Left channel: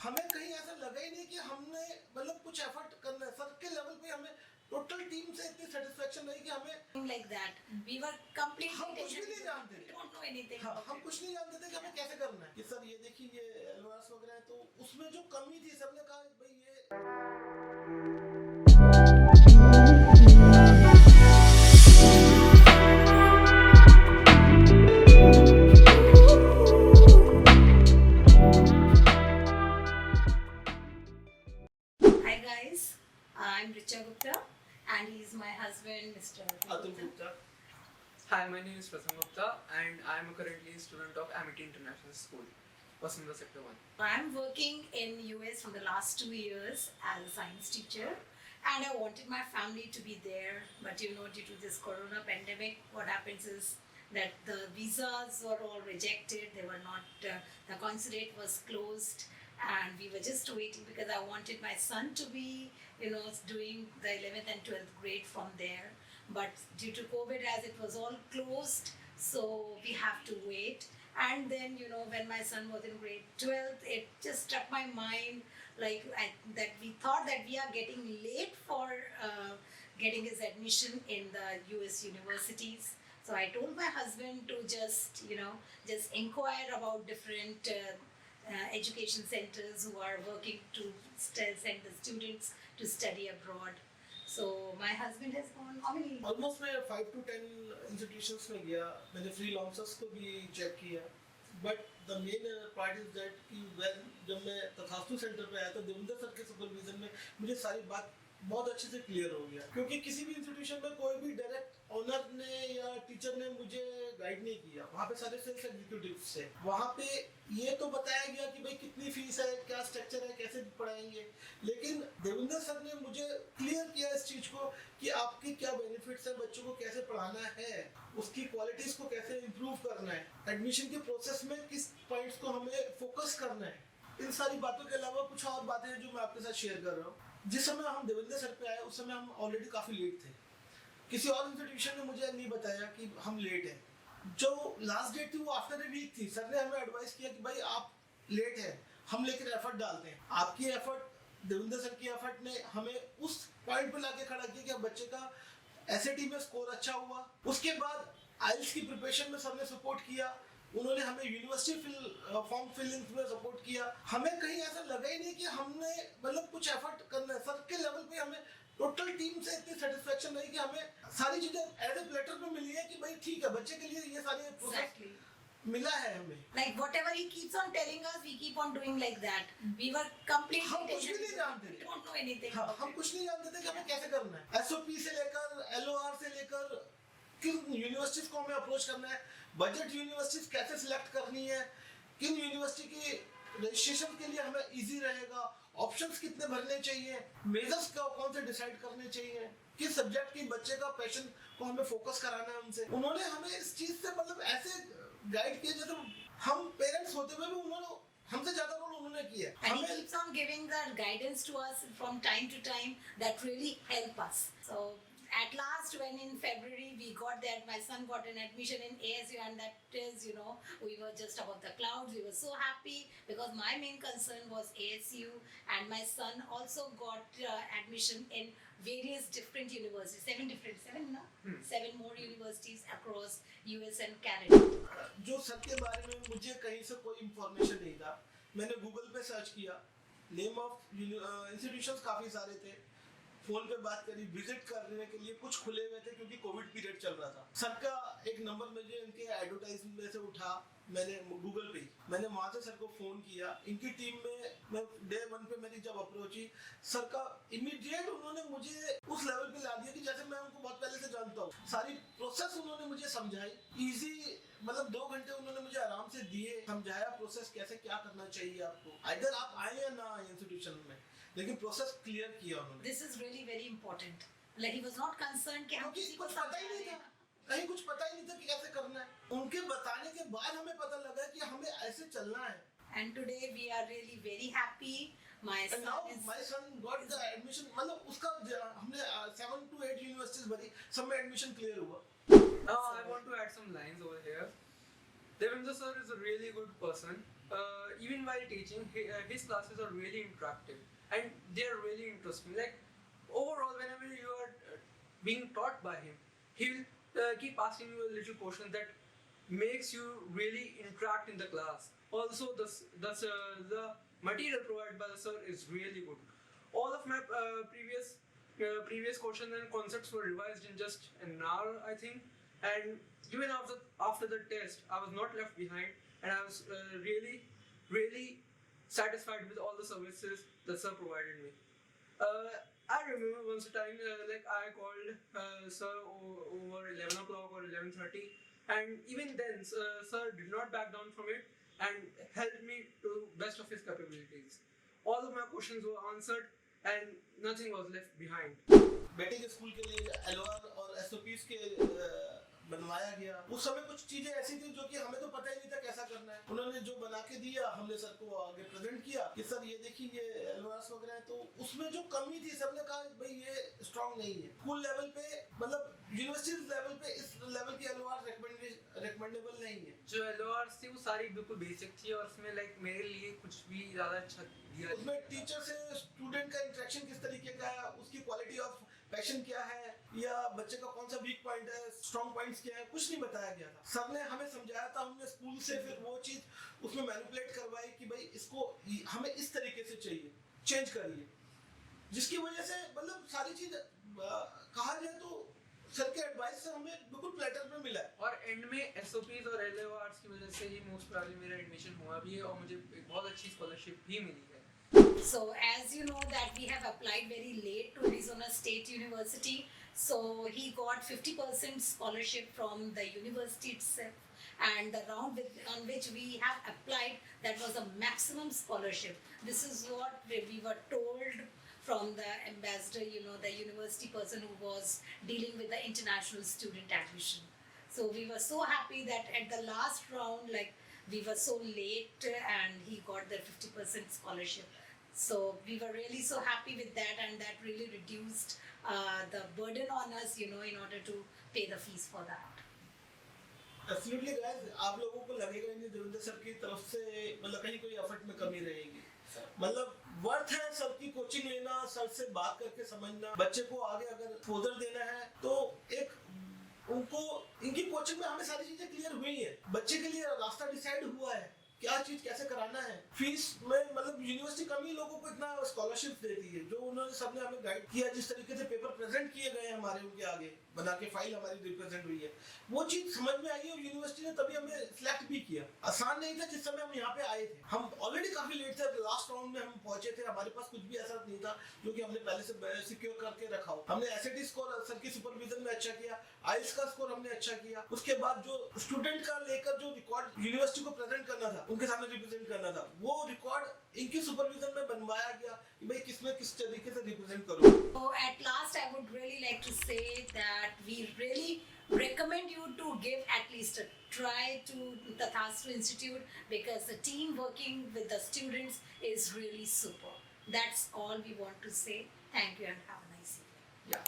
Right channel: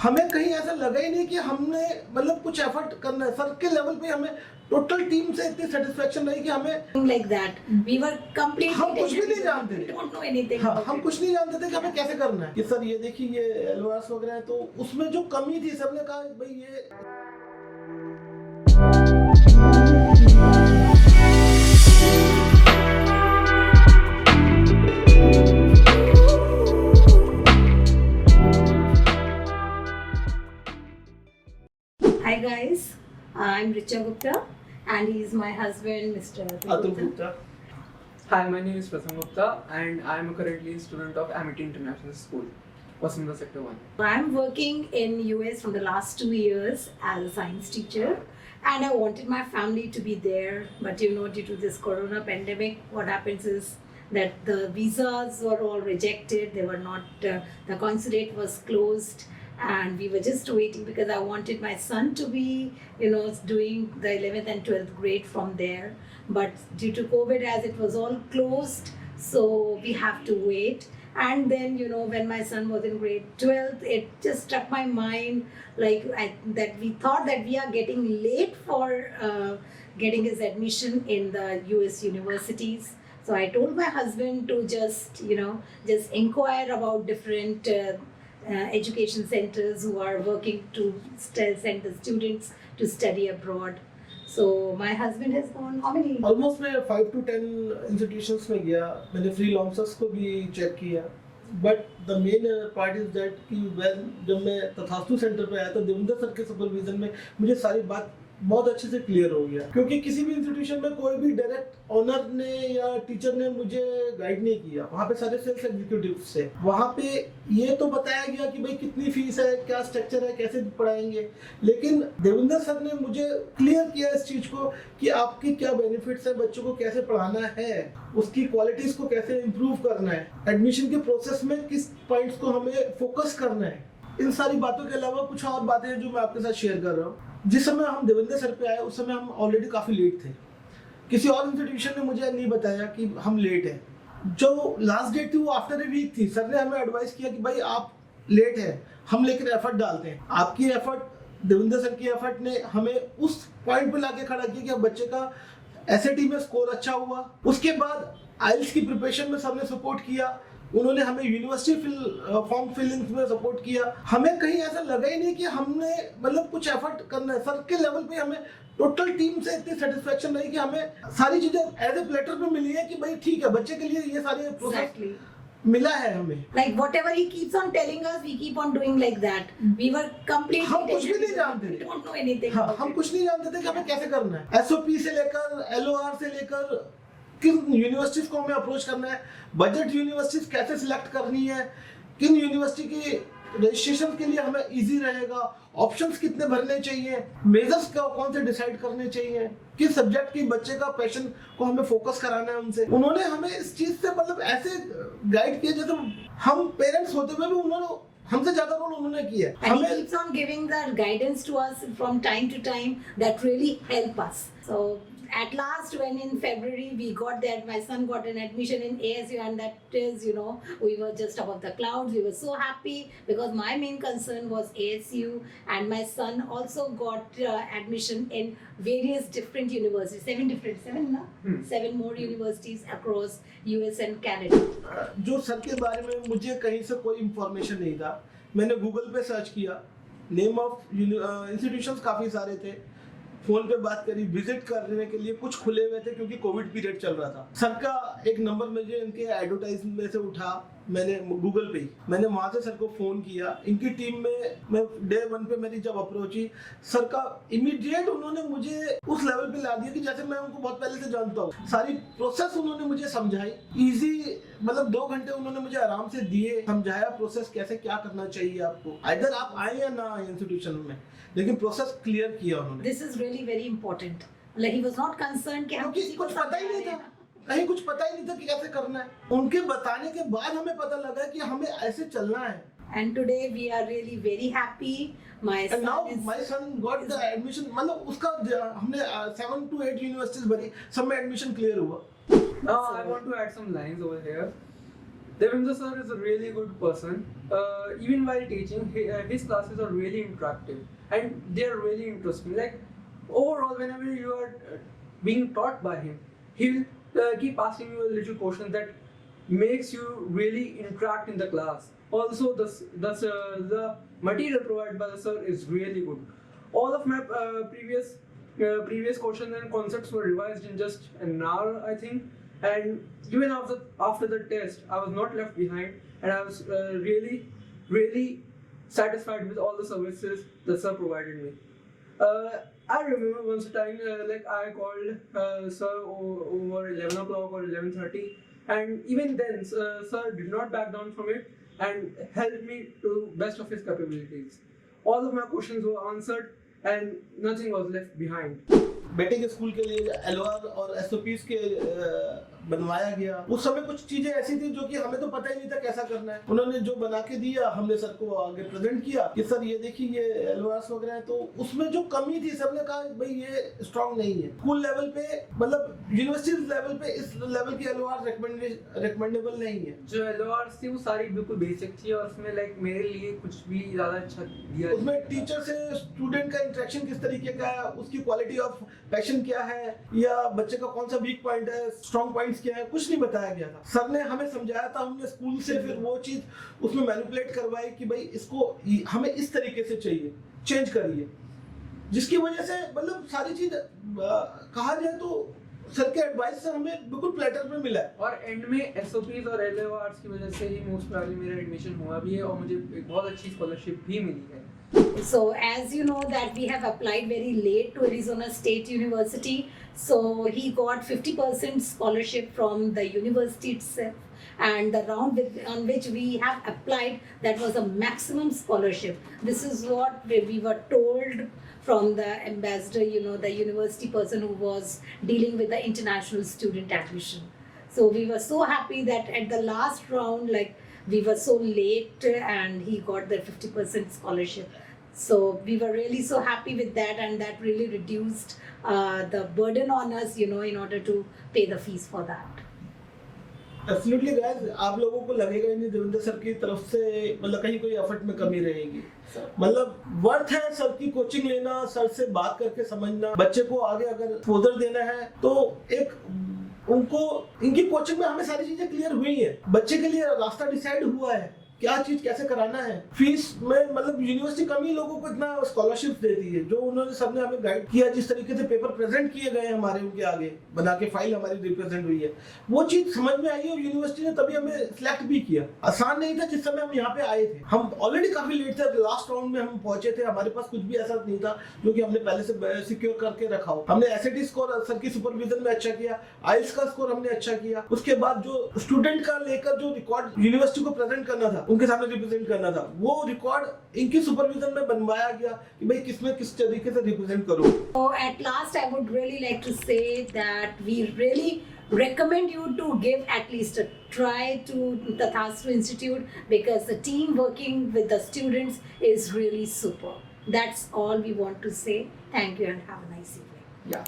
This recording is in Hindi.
हमें कहीं ऐसा लगा ही नहीं कि हमने मतलब कुछ एफर्ट करना है। सर के लेवल पे हमें टोटल टीम से इतनी सेटिस्फेक्शन रही कि हमें like that. We were completely हम कुछ भी नहीं tentative. जानते We थे। don't know anything हाँ, about हम it. कुछ नहीं जानते थे कि हमें कैसे करना है कि सर ये देखिए ये एलओआरएस वगैरह है, तो उसमें जो कमी थी सर ने कहा भाई ये Hi guys, I'm Richa Gupta and he's my husband, Mr. Atul Gupta. Hi, my name is Pratham Gupta and I am currently a student of Amity International School, Vasudha Sector 1. I'm working in US from the last 2 years as a science teacher, and I wanted my family to be there, but you know, due to this corona pandemic, what happens is that the visas were all rejected. They were not, the consulate was closed, and we were just waiting because I wanted my son to be, you know, doing the 11th and 12th grade from there. But due to COVID, as it was all closed, so we have to wait. And then, you know, when my son was in grade 12th, it just struck my mind that we thought that we are getting late for getting his admission in the US universities. So I told my husband to just, you know, just inquire about different education centers who are working to send the students to study abroad. So my husband has gone how many? Almost मैं 5 to 10 इंस्टीट्यूशंस में गया, मैंने फ्रीलांसर्स को भी चेक किया, but the main part is that कि जब मैं तथास्तु सेंटर पे आया तो देवेंद्र सर के सुपरविजन में मुझे सारी बात बहुत अच्छे से क्लियर हो गया, क्योंकि किसी भी इंस्टीट्यूशन में कोई भी डायरेक्ट ऑनर ने या टीचर ने मुझे गाइड नहीं किया। वहाँ पे सारे सेल्स एग्जीक्यूटिव से वहाँ पे ये तो बताया गया कि भाई कितनी फीस है, क्या स्ट्रक्चर है, कैसे पढ़ाएंगे, लेकिन देवेंद्र सर ने मुझे क्लियर किया इस चीज को कि आपकी क्या बेनिफिट्स है, बच्चों को कैसे पढ़ाना है, उसकी क्वालिटीज को कैसे इम्प्रूव करना है, एडमिशन के प्रोसेस में किस पॉइंट्स को हमें फोकस करना है। इन सारी बातों के अलावा कुछ और बातें हैं जो मैं आपके साथ शेयर कर रहा हूँ। जिस समय हम देवेंद्र सर पे आए उस समय हम ऑलरेडी काफी लेट थे। किसी और इंस्टीट्यूशन ने मुझे नहीं बताया कि हम लेट हैं। जो लास्ट डेट थी वो आफ्टर ए वीक थी। सर ने हमें एडवाइस किया कि भाई आप लेट हैं, हम लेकर एफर्ट डालते हैं। आपकी एफर्ट, देवेंद्र सर की एफर्ट ने हमें उस पॉइंट पे लाके खड़ा किया कि बच्चे का एसएटी में स्कोर अच्छा हुआ। उसके बाद आइल्स की प्रिपरेशन में सर ने सपोर्ट किया, उन्होंने हमें यूनिवर्सिटी फॉर्म फिलिंग में सपोर्ट किया। हमें कहीं ऐसा लगा ही नहीं कि हमने मतलब कुछ एफर्ट करना है। सर के लेवल पे हमें टोटल टीम से इतनी सेटिस्फेक्शन रही कि हमें सारी चीजें एज ए प्लेटर पे मिली है कि भाई ठीक है, बच्चे के लिए ये सारे प्रोसेस मिला है हमें। Like whatever he keeps on telling us, we keep on doing like that. We were completely हम कुछ भी नहीं जानते we थे। don't know anything. हाँ, about हम it. कुछ नहीं जानते थे कि हमें कैसे करना है। एसओपी से लेकर एलओआर से लेकर किन यूनिवर्सिटीज को हमें अप्रोच करना है, बजट यूनिवर्सिटीज कैसे सिलेक्ट करनी है, किन यूनिवर्सिटी की रजिस्ट्रेशन के लिए हमें इजी रहेगा, ऑप्शंस कितने भरने चाहिए, मेजर्स कौन से डिसाइड करने चाहिए, किस सब्जेक्ट की बच्चे का पैशन को हमें फोकस कराना है उनसे। उन्होंने हमें इस चीज से मतलब ऐसे गाइड किया जैसे हम पेरेंट्स होते हुए भी उन्होंने हमसे ज्यादा रोल उन्होंने किया। And he keeps on giving that guidance to us from time to time that really help us. So at last, when in February we got that, my son got an admission in ASU, and that is, you know, we were just above the clouds. We were so happy because my main concern was ASU, and my son also got admission in various different universities, seven more universities across US and Canada. जो सर के बारे में मुझे कहीं से कोई इंफॉर्मेशन नहीं था। मैंने गूगल पे सर्च किया, नेम ऑफ इंस्टीट्यूशंस काफ़ी सारे थे, फोन पे बात करी, विजिट करने के लिए कुछ खुले हुए थे क्योंकि कोविड पीरियड चल रहा था। सर का एक नंबर मुझे इनके एडवर्टाइजमेंट में से उठा, मैंने गूगल पे मैंने वहाँ से सर को फ़ोन किया। इनकी टीम में मैं डे 1 पे मेरी जब अप्रोच हुई, सर का इमीडिएट उन्होंने मुझे उस लेवल पे ला दिया कि जैसे मैं उनको बहुत पहले से जानता हूँ। सारी प्रोसेस उन्होंने मुझे समझाई, इजी मतलब 2 घंटे उन्होंने मुझे आराम से दिए, समझाया प्रोसेस कैसे क्या करना चाहिए आपको, इधर आप आए या ना आए इंस्टीट्यूशन में, लेकिन प्रोसेस क्लियर किया उन्होंने। This is really very important. Like he was not concerned कि हम क्योंकि किसी को कुछ पता ही नहीं था, कहीं कुछ पता ही नहीं था कि कैसे करना है। उनके बताने के बाद हमें पता लगा कि हमें ऐसे चलना है। And today we are really very happy. My And now son is my son got the admission, मतलब उसका हमने 7 to 8 यूनिवर्सिटीज भरी, सब में एडमिशन क्लियर हुआ। Now I want to add some lines over here. Devendra sir is a really good person. Even while teaching, his classes are really interactive and they are really interesting. Like overall, whenever you are being taught by him, he'll keep asking you a little question that makes you really interact in the class. Also, the material provided by the sir is really good. All of my previous questions and concepts were revised in just an hour, I think. And even after the test, I was not left behind, and I was really satisfied with all the services the sir provided me. I remember once a time, like I called sir over 11 o'clock or 11:30, and even then, sir did not back down from it and helped me to best of his capabilities. All of my questions were answered, and nothing was left behind. बेटे के स्कूल के लिए एलओआर और एसओपीज के बनवाया गया। उस समय कुछ चीजें ऐसी थी जो कि हमें तो पता ही नहीं था कैसा करना है। उन्होंने जो बना के दिया, हमने सर को आगे प्रेजेंट किया कि सर ये देखिए ये एलओआर्स वगैरह है। तो उसमें जो कमी थी सर ने कहा भाई ये स्ट्रांग नहीं है। स्कूल लेवल पे मतलब यूनिवर्सिटी लेवल पे इस लेवल की एलओआर रिकमेंडेबल नहीं है। जो एलओआर थी वो सारी बिल्कुल बेसिक थी और उसमें लाइक मेरे लिए कुछ भी ज्यादा अच्छा दिया। उसमें टीचर से स्टूडेंट का इंटरेक्शन किस तरीके का है, उसकी क्वालिटी ऑफ पैशन क्या है, या बच्चे का कौन सा वीक पॉइंट है, स्ट्रॉन्ग पॉइंट्स क्या है, कुछ नहीं बताया गया था। सर ने हमें समझाया था, हमने स्कूल से फिर वो चीज उसमें मैनिपुलेट करवाई कि भाई इसको हमें इस तरीके से चाहिए, चेंज करिए, जिसकी वजह से मतलब सारी चीज कहा जाए तो सर के एडवाइस से हमें बिल्कुल प्लेटर में मिला है। और एंड में एसओपीज और एलओआर्स की वजह से ही मोस्ट प्रोबेबली मेरा एडमिशन हुआ भी है और मुझे एक बहुत अच्छी स्कॉलरशिप भी मिली है। So as you know that we have applied very late to Arizona State University, so he got 50% scholarship from the university itself, and the round on which we have applied, that was a maximum scholarship. This is what we were told from the ambassador, you know, the university person who was dealing with the international student admission. So we were so happy that at the last round, like we were so late and he got the 50% scholarship. So we were really so happy with that, and that really reduced the burden on us, you know, in order to pay the fees for that. Absolutely guys, आप लोगों को लगेगा ही नहीं देवेंद्र सर की तरफ से मतलब कहीं कोई एफर्ट में कमी रहेगी। मतलब वर्थ है सर की कोचिंग लेना, सर से बात करके समझना, बच्चे को आगे अगर एक्सपोजर देना है तो एक उनको इनकी कोचिंग में हमें सारी चीजें क्लियर हुई है, बच्चे के लिए रास्ता डिसाइड हुआ है, क्या चीज कैसे कराना है। फीस में मतलब यूनिवर्सिटी कम ही लोगों को इतना स्कॉलरशिप देती है, जो उन्होंने सबने हमें गाइड किया, जिस तरीके से पेपर प्रेजेंट किए गए हमारे उनके आगे बना के फाइल हमारी रिप्रेजेंट हुई है, वो चीज समझ में आई और यूनिवर्सिटी ने तभी हमें सिलेक्ट भी किया। आसान नहीं था जिस समय हम यहाँ पे आए थे, हम ऑलरेडी काफी लेट थे, लास्ट राउंड में हम पहुंचे थे, हमारे पास कुछ भी ऐसा नहीं था जो कि हमने पहले से सिक्योर करके रखा हो। हमने एसएटी स्कोर सर की सुपरविजन में अच्छा किया, आइल्स का स्कोर हमने अच्छा किया, उसके बाद जो स्टूडेंट का लेकर जो रिकॉर्ड यूनिवर्सिटी को प्रेजेंट करना था, उनके सामने रिप्रेजेंट करना था, वो रिकॉर्ड इनकी सुपरविजन में बनवाया गया कि भाई किसमें किस तरीके से रिप्रेजेंट करो। So at last I would really like to say that we really recommend you to give at least a try to Tathastu Institute, because the team working with the students is really super. That's all we want to say. Thank you and have a nice evening. Yeah.